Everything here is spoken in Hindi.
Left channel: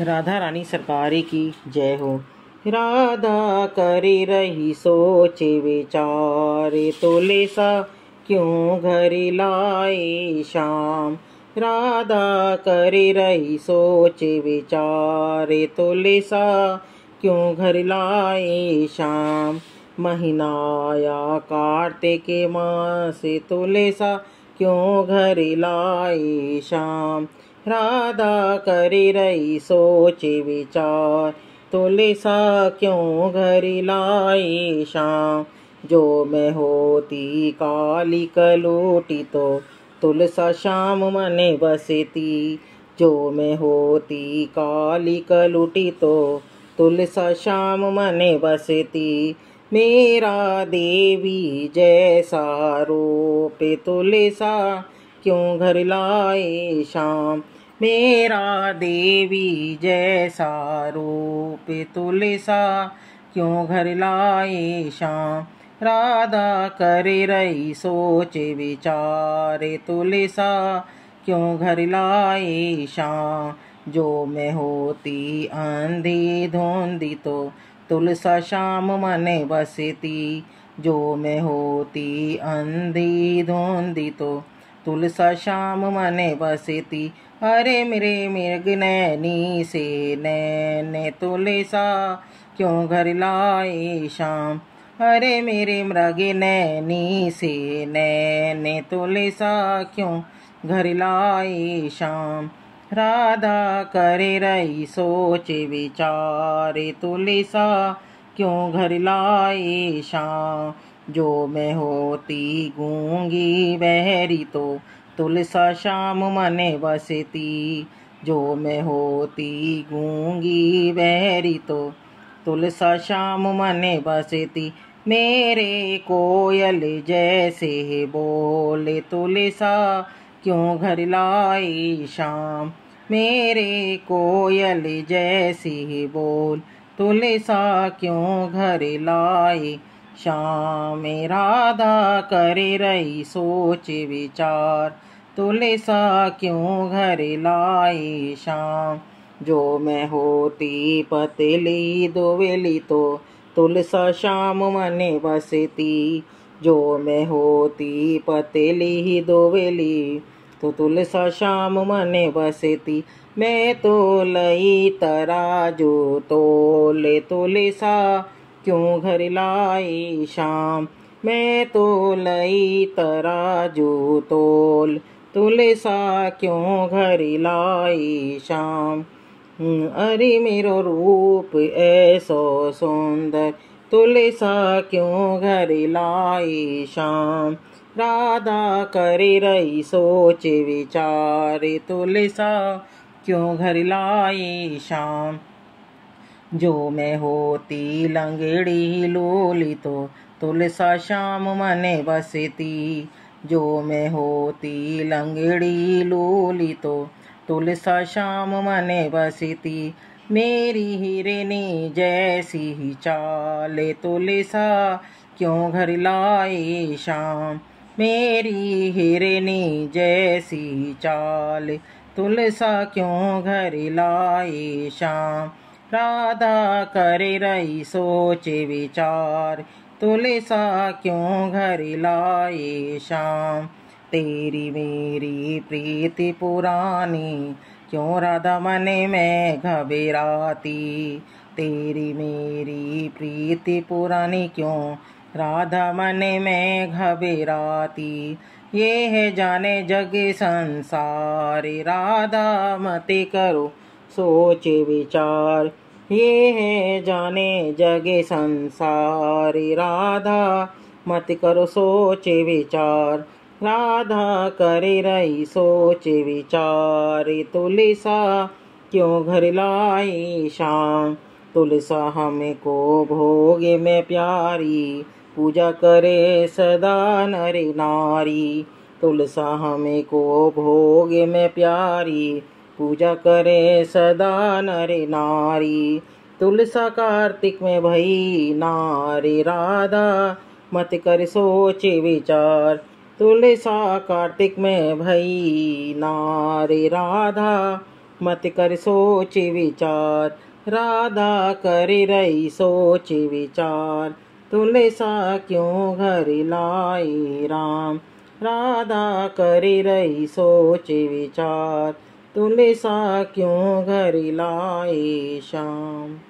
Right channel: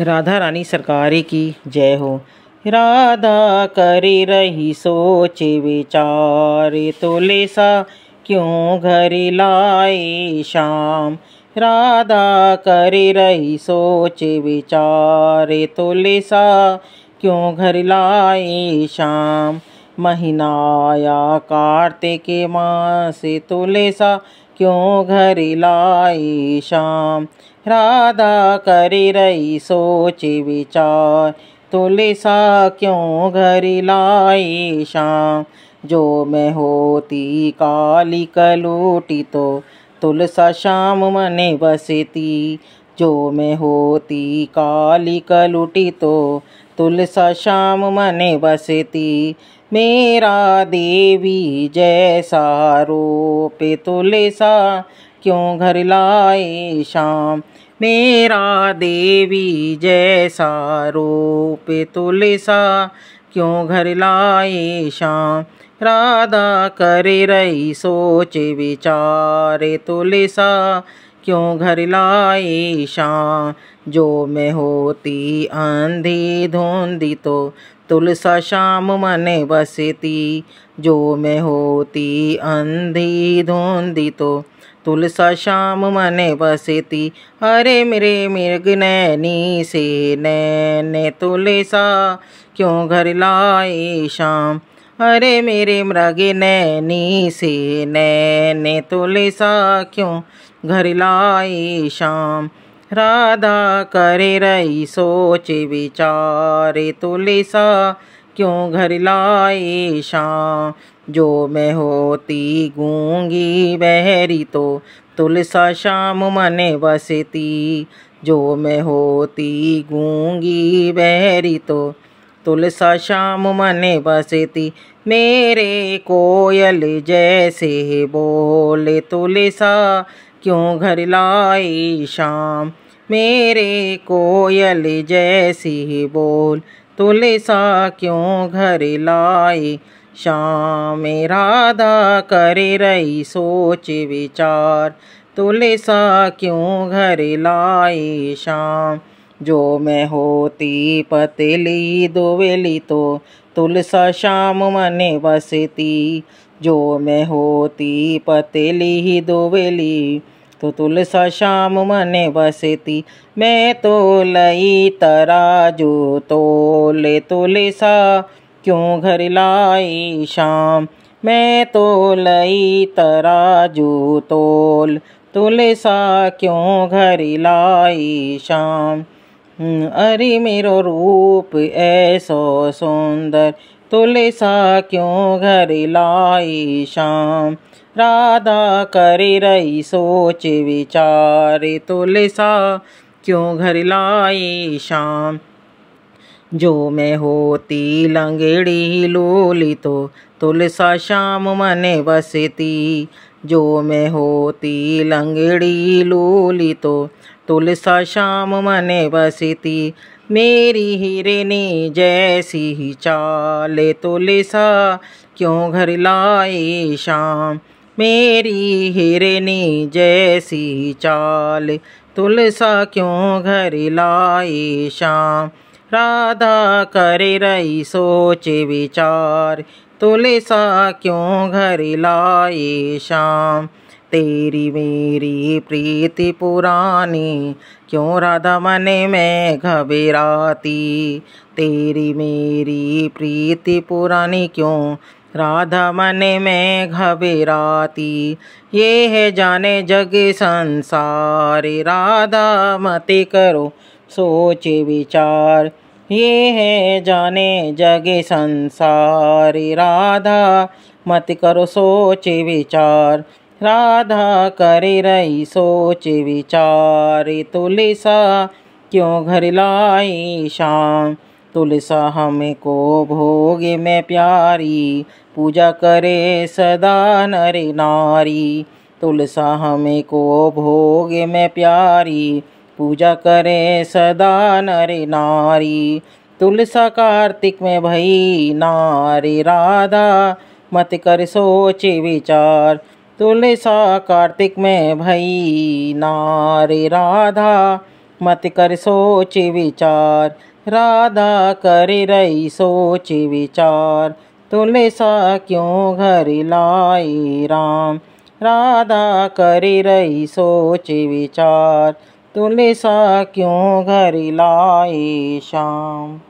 राधा रानी सरकारी की जय हो। राधा करी रही सोचे विचारे, तोले सा क्यों घर लाए शाम। राधा करी रही सोचे विचारे, तोले सा क्यों घर लाए शाम। महीना आया कार्तिक मास, तोले सा क्यों घर लाए शाम। राधा करी रही सोच विचार, तोले सा क्यों घर लाए शाम। जो मैं होती काली कलोटी तो तुलसा शाम मने बसती। जो मैं होती काली कलोटी तो तुलसा शाम मने बसती। मेरा देवी जैसा रूप, तुले सा क्यों घर लाए शाम। मेरा देवी जैसा रूप, तुले सा क्यों घर लाए शाम। राधा करे रही सोच विचारे, तुले सा क्यों घर लाए शाम। जो मैं होती अंधी धुंधी तो तुलसा शाम मने बसती। जो मैं होती अंधी धुंधी तो तुलसा शाम मने बसती। अरे मेरे मृग नैनी से नैने, तुले सा क्यों घर लाए शाम। अरे मेरे मृग नैनी से नैने, तुले सा क्यों घर लाए शाम। राधा करे रही सोच विचारे, तुले सा क्यों घर लाए शाम। जो मैं होती गूंगी बहरी तो तुलसा शाम मने बसती। जो मैं होती गूंगी बहरी तो तुलसा शाम मने बसती। मेरे कोयल जैसे बोले, तुलसा क्यों घर लाए शाम। मेरे कोयल जैसी बोल, तुलसा क्यों घर लाए शाम। राधा करे रही सोच विचार, तुलसा क्यों घर लाए शाम। जो मैं होती पतली दुबली तो तुलसा शाम मने बसती। जो मैं होती पतली दुबली तो तुलसा शाम मने बसती। मैं तो लई तराजू तोले, तुलसा क्यों घर लाई शाम। मैं तो लई तराजू तोल, तुलसा क्यों घर लाई शाम। अरे मेरो रूप ऐसो सुंदर, तुलसा क्यों घर लाई शाम। राधा करे रही सोच विचारे, तुलसा क्यों घर लाई शाम। जो मैं होती लंगड़ी लोली तो तुलसा शाम मने बसती। जो मैं होती लंगड़ी लोली तो तुलसा शाम मने बसती। मेरी हिरनी जैसी ही चाले, तुलसा क्यों घर लाए शाम। मेरी हिरनी जैसी चाल, तुलसा क्यों घर लाए शाम। राधा करे रही सोच विचार, तुलसा क्यों घर लाए शाम। तेरी मेरी प्रीति पुरानी, क्यों राधा मने में घबराती। तेरी मेरी प्रीति पुरानी, क्यों राधा मने में घबराती। ये है जाने जग संसार, राधा मत करो सोच विचार। ये है जाने जग संसार, राधा मत करो सोच विचार। राधा करे रही सोच विचार, तुलसा क्यों घर लाई शाम। तुलसा हमको भोग में प्यारी, पूजा करे सदा नर नारी। तुलसा हमको भोग में प्यारी, पूजा करे सदा नर नारी। तुलसा कार्तिक में भई नारी, राधा मत कर सोच विचार। तुलसा कार्तिक में भई नारी, राधा मत कर सोच विचार। राधा कर रही सोच विचार, तुले सा क्यों घर लाए राम। राधा कर रही सोच विचार, तुले सा क्यों घर लाए श्याम।